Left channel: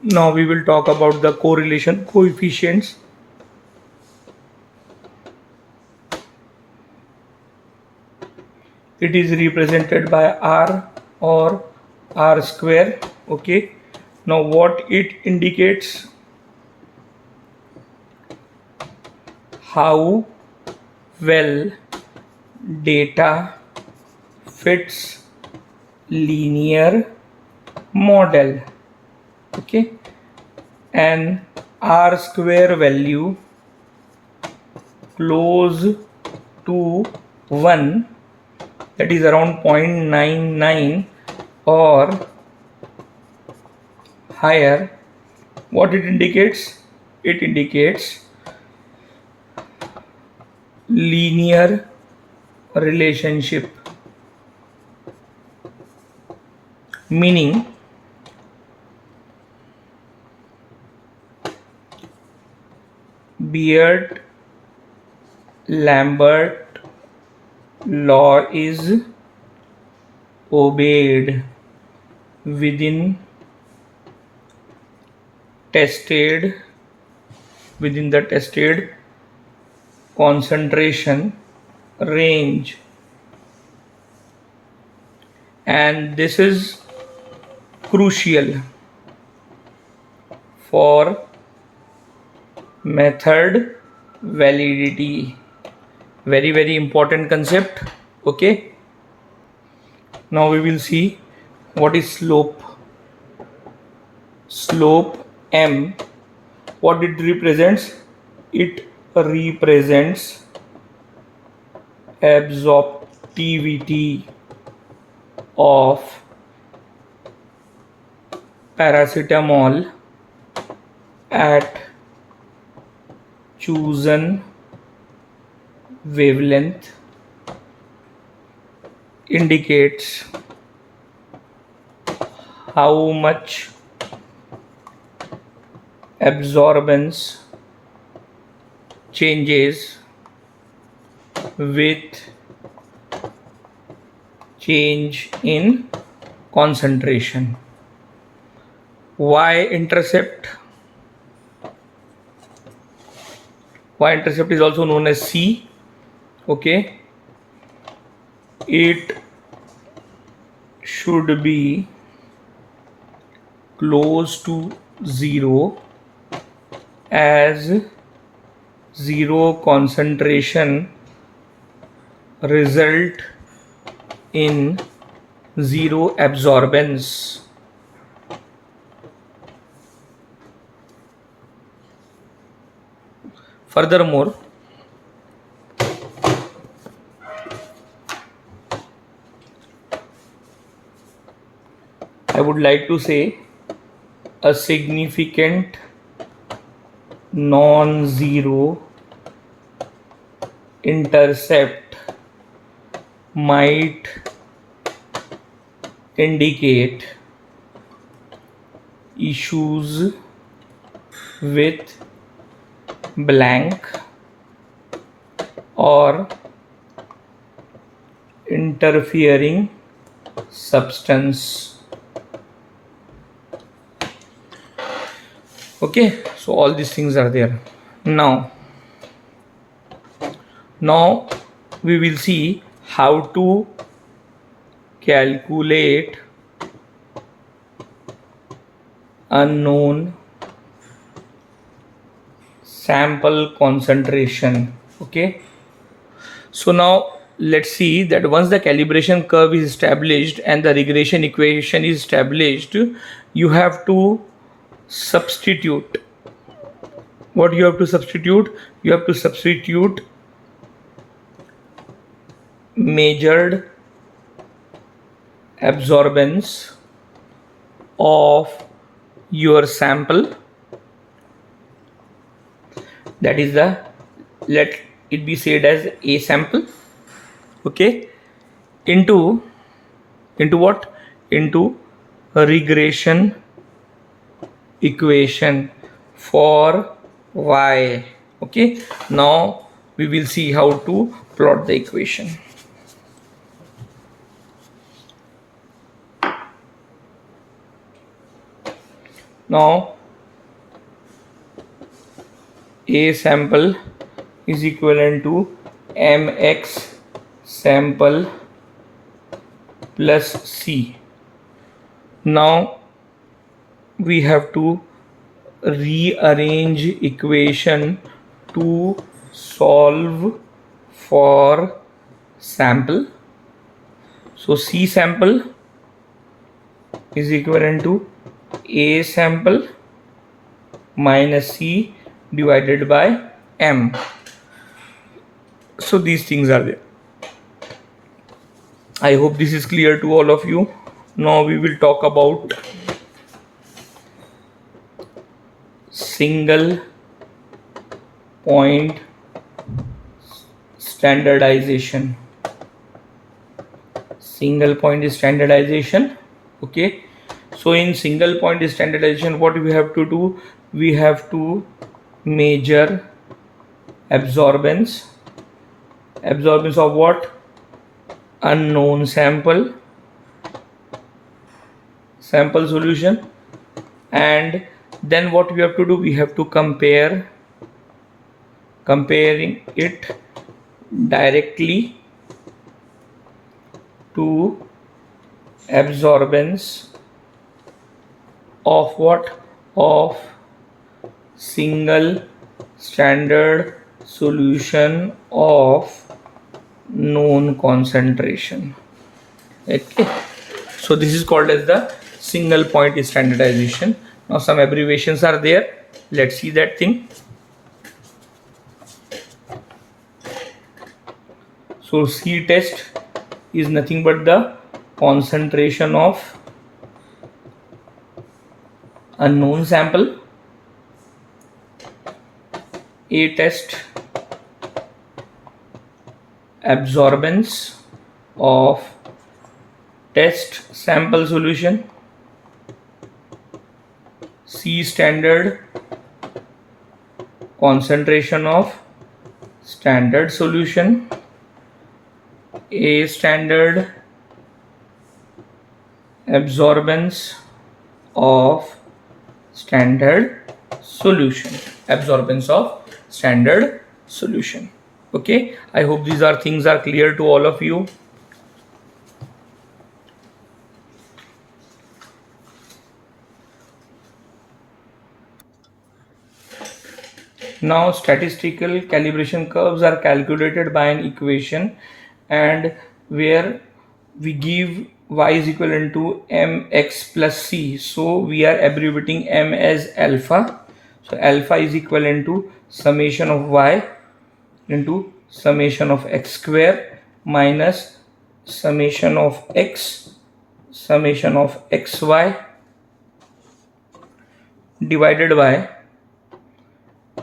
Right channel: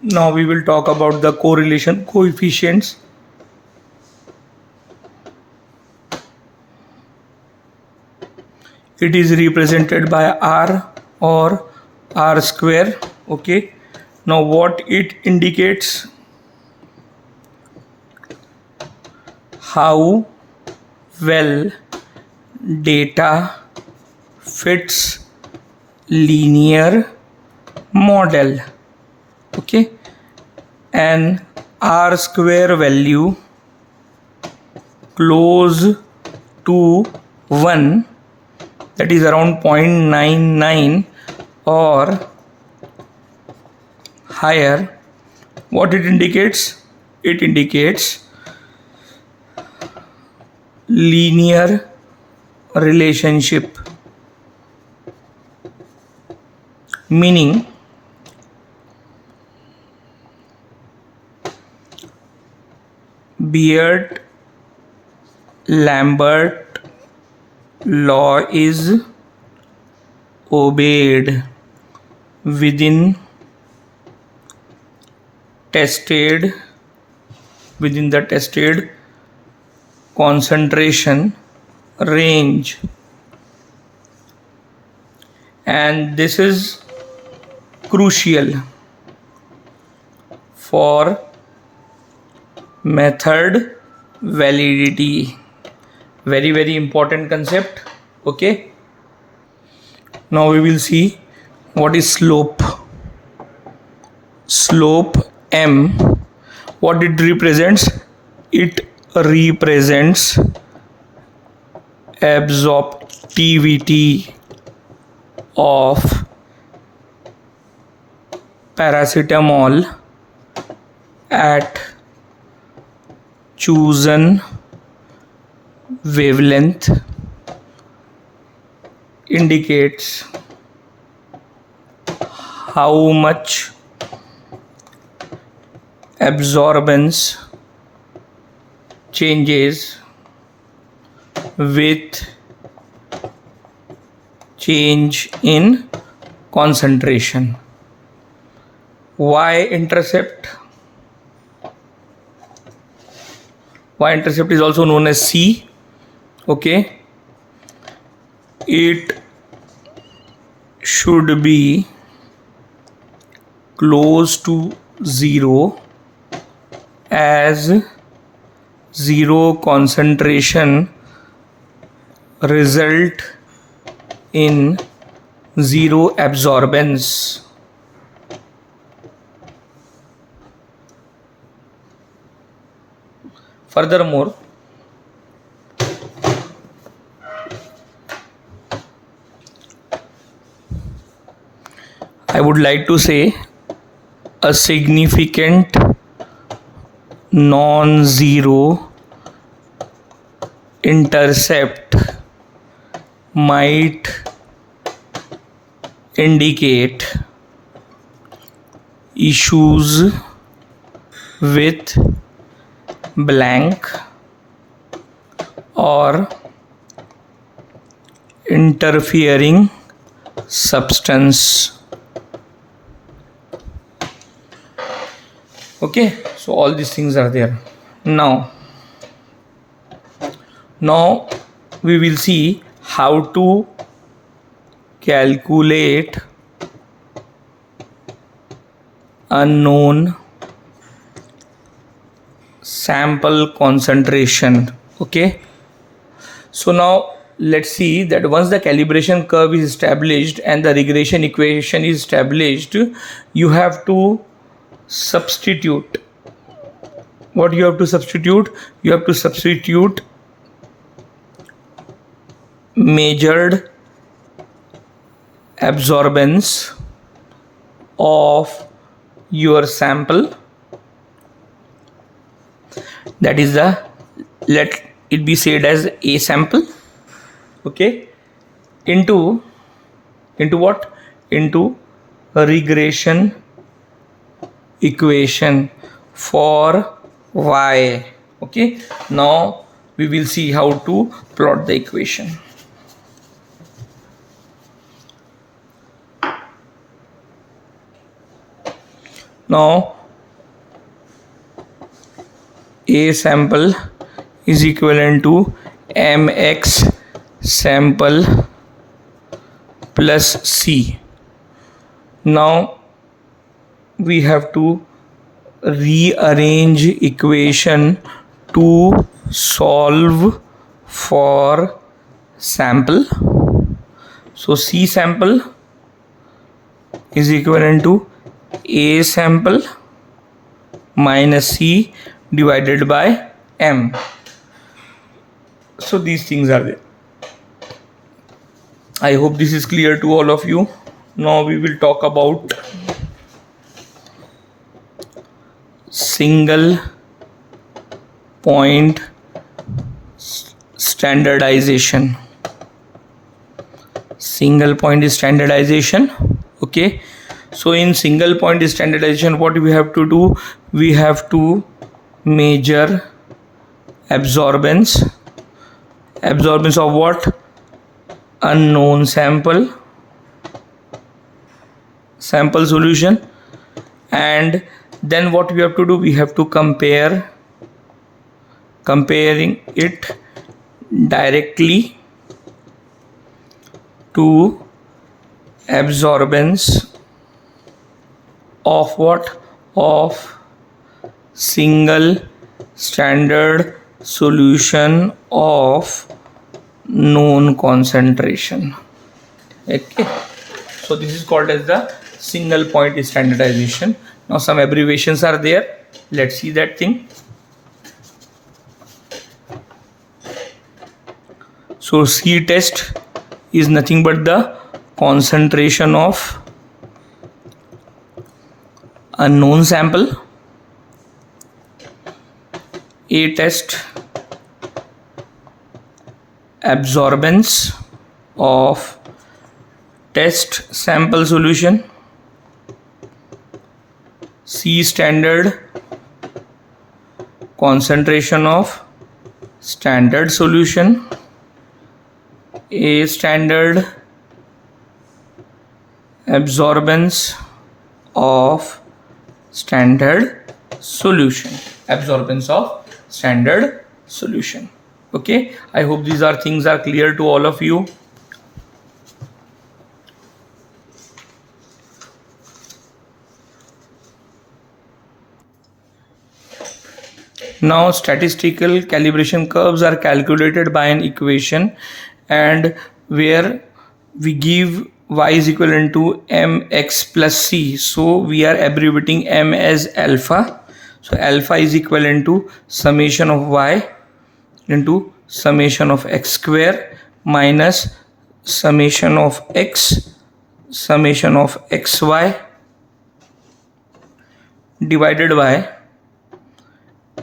Now we will talk about the correlation coefficients. It is represented by R or R square. Okay. Now what it indicates? How well data fits linear model. Okay. And R square value close to 1, that is around 0.99 or higher, what it indicates? It indicates linear relationship, meaning Beard Lambert law is obeyed within the tested concentration range, and this is crucial for method validity. Very important concept. Okay, now we will see what is slope. M, what it represents? It represents absorptivity of paracetamol at chosen wavelength, indicates how much absorbance changes with change in concentration. Y-intercept is also known as C. Okay, it should be close to 0, as 0 concentration result in 0 absorbance. Furthermore, I would like to say a significant non-zero intercept might indicate issues with blank or interfering substance. Okay, so all these things are there. Now we will see how to calculate unknown sample concentration. Okay, so now let's see that once the calibration curve is established and the regression equation is established, you have to substitute. What you have to substitute? You have to substitute measured absorbance of your sample, that is the, let it be said as A sample. Okay, into what? Into a regression equation for Y. Okay, now we will see how to plot the equation. Now A sample is equivalent to mx sample plus C. Now we have to rearrange equation to solve for sample. So C sample is equivalent to A sample minus C divided by M. So these things are there. I hope this is clear to all of you. Now we will talk about single point standardization. Single point is standardization. Okay, so in single point standardization, what we have to do, we have to measure absorbance of what? Unknown sample solution, and then what we have to do, we have to comparing it directly to absorbance of what? Of single standard solution of known concentration. Okay, so this is called as the single point standardization. Now some abbreviations are there. Let's see that thing. So C test is nothing but the concentration of unknown sample. A test, absorbance of test sample solution. C standard, concentration of standard solution. A standard, absorbance of standard solution. Okay, I hope these things are clear to all of you. Now statistical calibration curves are calculated by an equation, and where we give y is equivalent to mx plus c. So we are abbreviating m as alpha. So alpha is equivalent to summation of y into summation of x square minus summation of x summation of xy divided by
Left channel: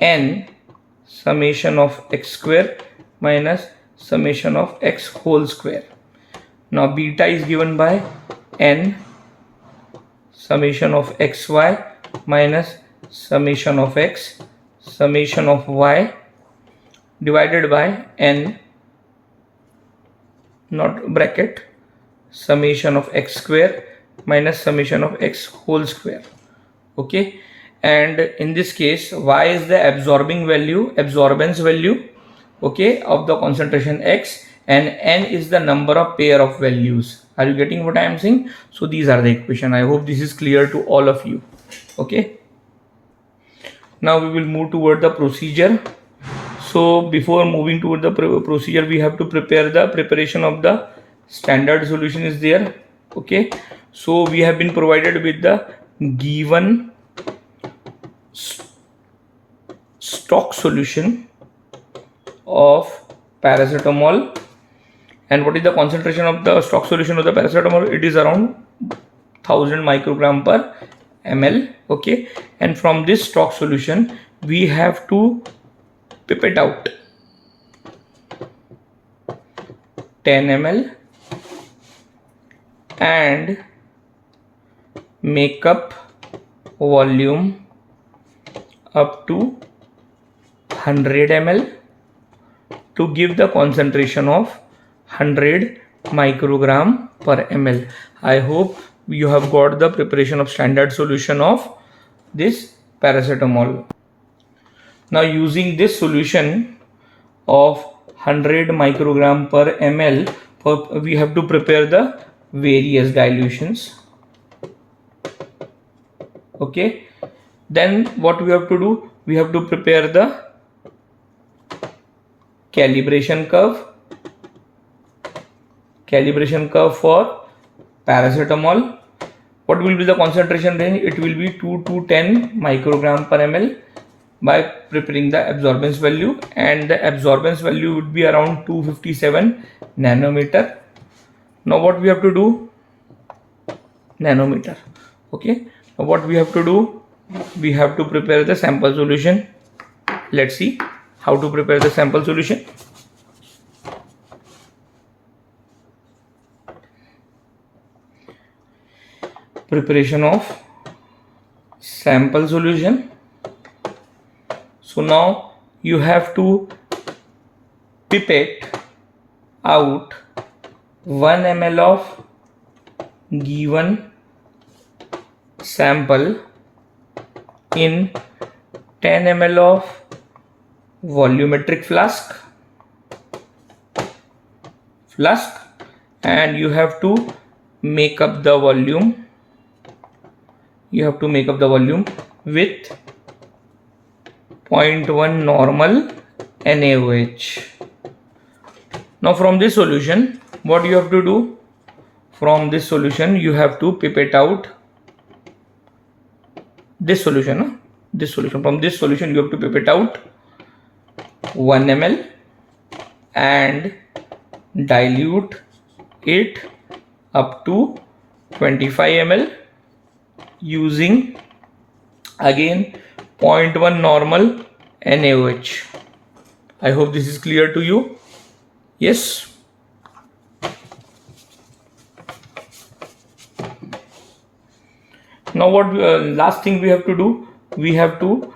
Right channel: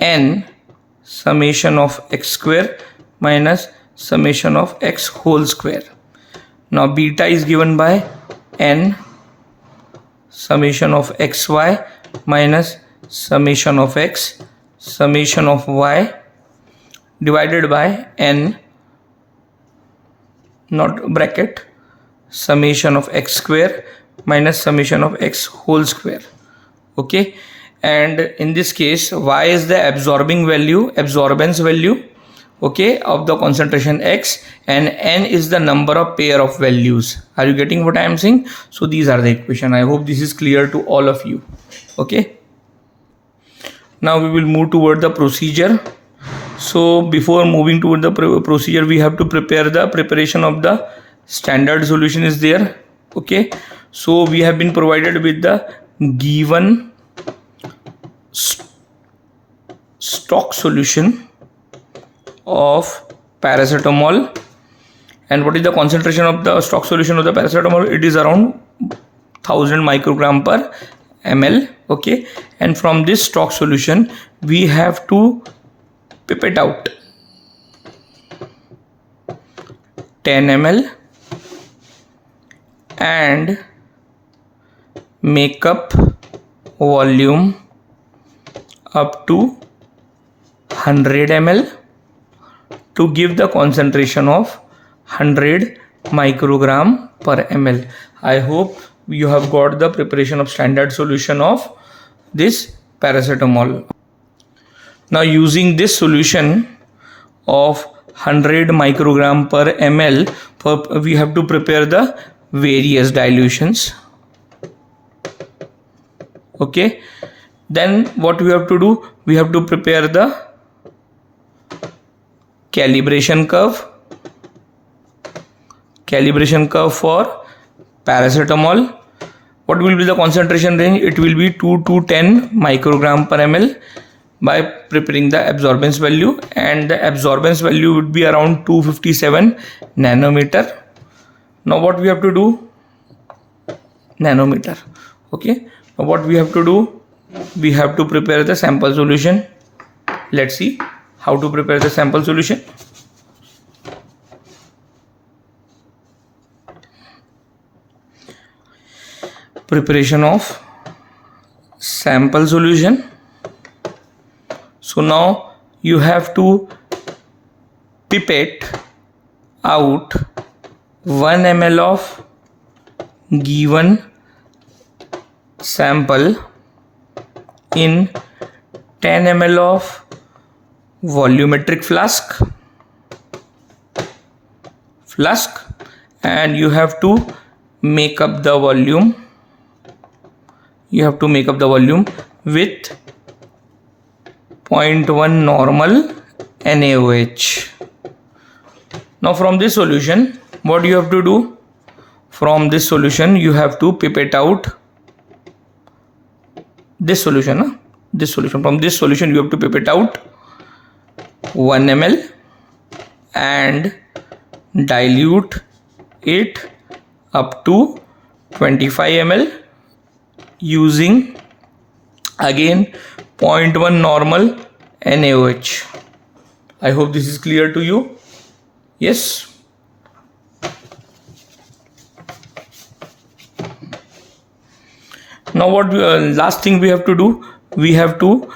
n summation of x square minus summation of x whole square. Now beta is given by n summation of xy minus summation of x summation of y divided by n, not bracket, summation of x square minus summation of x whole square. Okay, and in this case y is the absorbance value, okay, of the concentration x, and n is the number of pair of values. Are you getting what I am saying? So these are the equation. I hope this is clear to all of you. Okay, now we will move toward the procedure. So before moving toward the procedure, we have to prepare the preparation of the standard solution is there. Okay, so we have been provided with the given stock solution of paracetamol. And what is the concentration of the stock solution of the paracetamol? It is around 1000 microgram per ml. Okay, and from this stock solution we have to pipette out 10 ml and make up volume up to 100 ml to give the concentration of 100 microgram per ml. I hope you have got the preparation of standard solution of this paracetamol. Now using this solution of 100 microgram per ml, we have to prepare the various dilutions. Okay, then what we have to do, we have to prepare the calibration curve for paracetamol. What will be the concentration range? It will be 2 to 10 microgram per ml by preparing the absorbance value, and the absorbance value would be around 257 nanometer. Now what we have to do, nanometer. Okay, now what we have to do, we have to prepare the sample solution. Let's see how to prepare the sample solution. Preparation of sample solution. So now you have to pipette out 1 ml of given sample in 10 ml of volumetric flask, and you have to make up the volume. You have to make up the volume with 0.1 normal NaOH. Now from this solution, what you have to do? From this solution, you have to pipette out this solution. From this solution, you have to pipette out 1 ml and dilute it up to 25 ml using again 0.1 normal NaOH. I hope this is clear to you. Yes. Now what last thing we have to do, we have to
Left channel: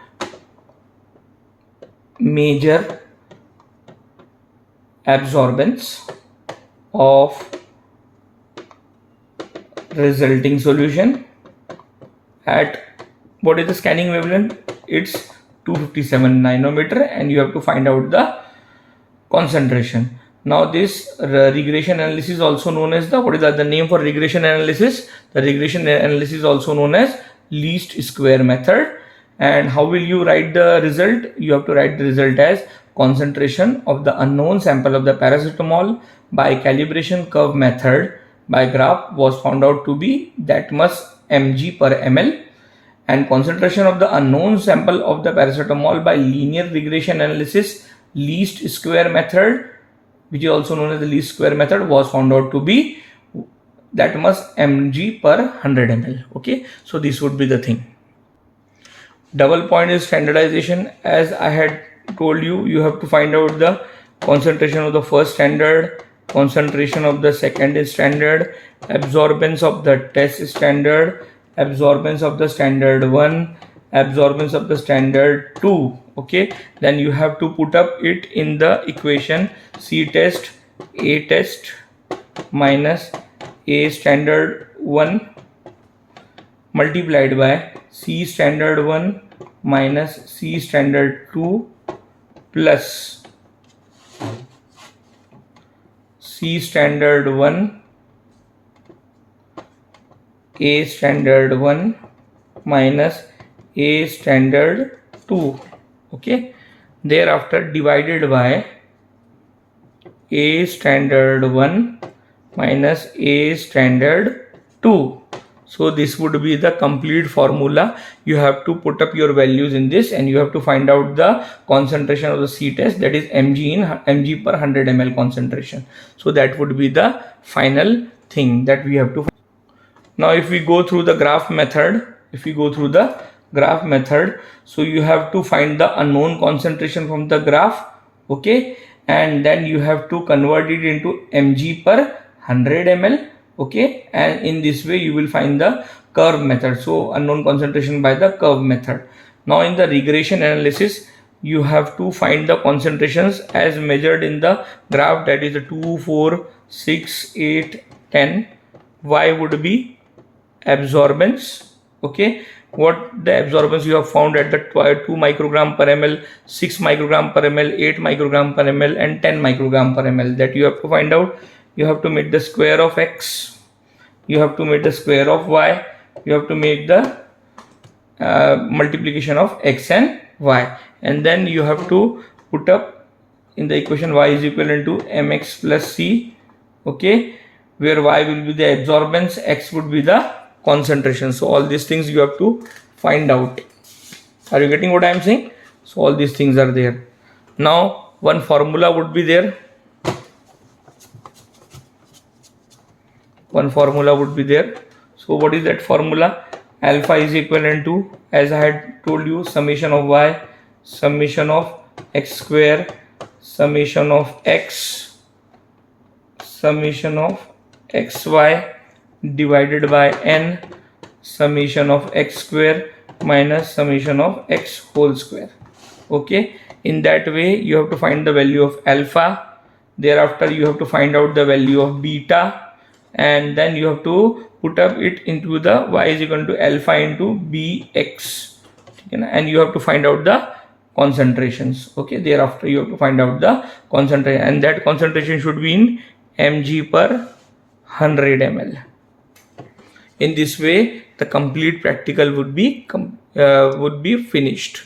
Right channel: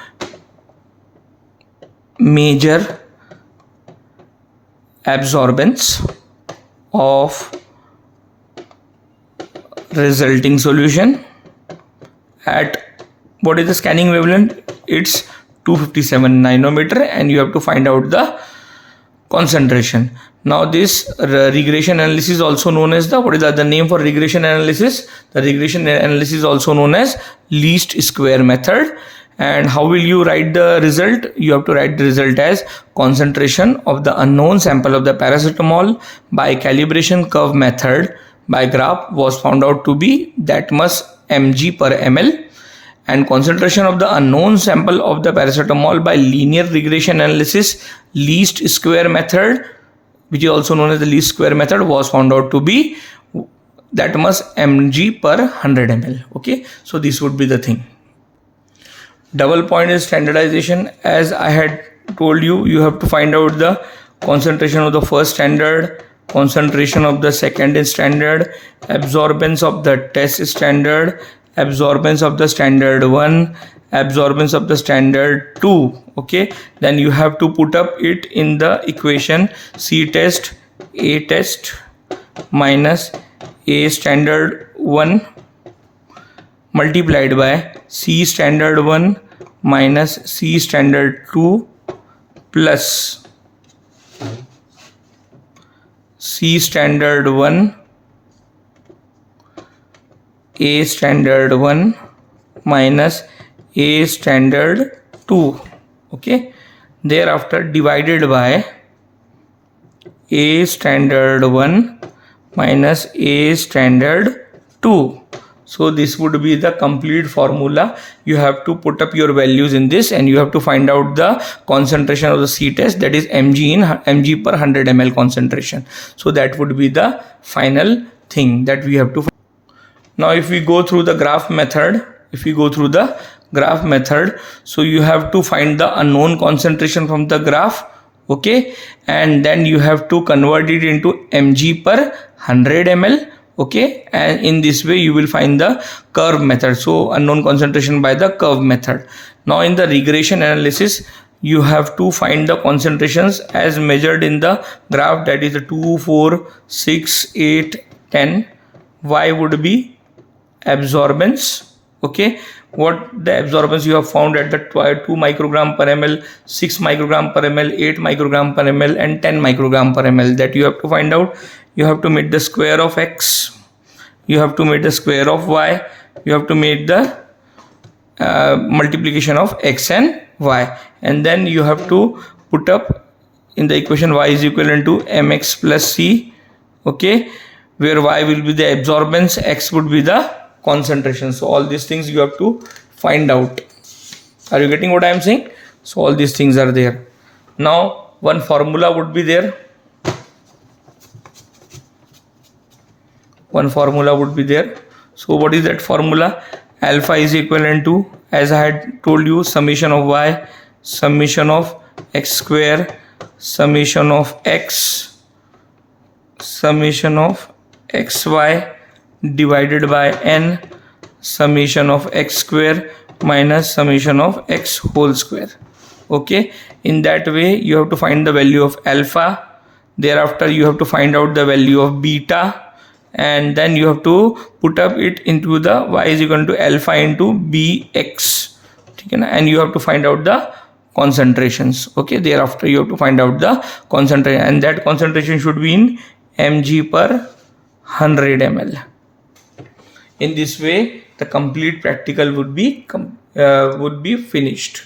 measure absorbance of resulting solution at, what is the scanning wavelength? It's 257 nanometer, and you have to find out the concentration. Now this regression analysis is also known as the, what is the name for regression analysis? The regression analysis is also known as least square method. And how will you write the result? You have to write the result as concentration of the unknown sample of the paracetamol by calibration curve method by graph was found out to be that much mg per ml, and concentration of the unknown sample of the paracetamol by linear regression analysis least square method, which is also known as the least square method, was found out to be that much mg per 100 ml. Okay, so this would be the thing. Double point is standardization. As I had told you, you have to find out the concentration of the first standard, concentration of the second standard, absorbance of the test standard, absorbance of the standard 1, absorbance of the standard 2. Okay, then you have to put up it in the equation C test A test minus A standard 1 multiplied by C standard 1 minus C standard 2 plus C standard 1 A standard 1 minus A standard 2. Okay, thereafter divided by A standard 1 minus A standard 2. So this would be the complete formula. You have to put up your values in this, and you have to find out the concentration of the C test, that is mg per 100 ml concentration. So that would be the final thing that we have to find. Now if we go through the graph method, so you have to find the unknown concentration from the graph. Okay, and then you have to convert it into mg per 100 ml. Okay, and in this way you will find the curve method. So unknown concentration by the curve method. Now in the regression analysis, you have to find the concentrations as measured in the graph, that is 2, 4, 6, 8, 10. Y would be absorbance. Okay, what the absorbance you have found at the 2 microgram per ml, 6 microgram per ml, 8 microgram per ml, and 10 microgram per ml. That you have to find out. You have to make the square of x, you have to make the square of y, you have to make the multiplication of x and y, and then you have to put up in the equation y is equivalent to mx plus c, okay, where y will be the absorbance, x would be the concentration. So all these things you have to find out. Are you getting what I am saying? So all these things are there. Now one formula would be there. One formula would be there. So what is that formula? Alpha is equivalent to, as I had told you, summation of y, summation of x square, summation of x, summation of xy divided by n, summation of x square minus summation of x whole square. Okay, in that way you have to find the value of alpha. Thereafter you have to find out the value of beta, and then you have to put up it into the y is equal to alpha into bx, and you have to find out the concentrations. Okay, thereafter you have to find out the concentration, and that concentration should be in mg per 100 ml. In this way the complete practical would be finished.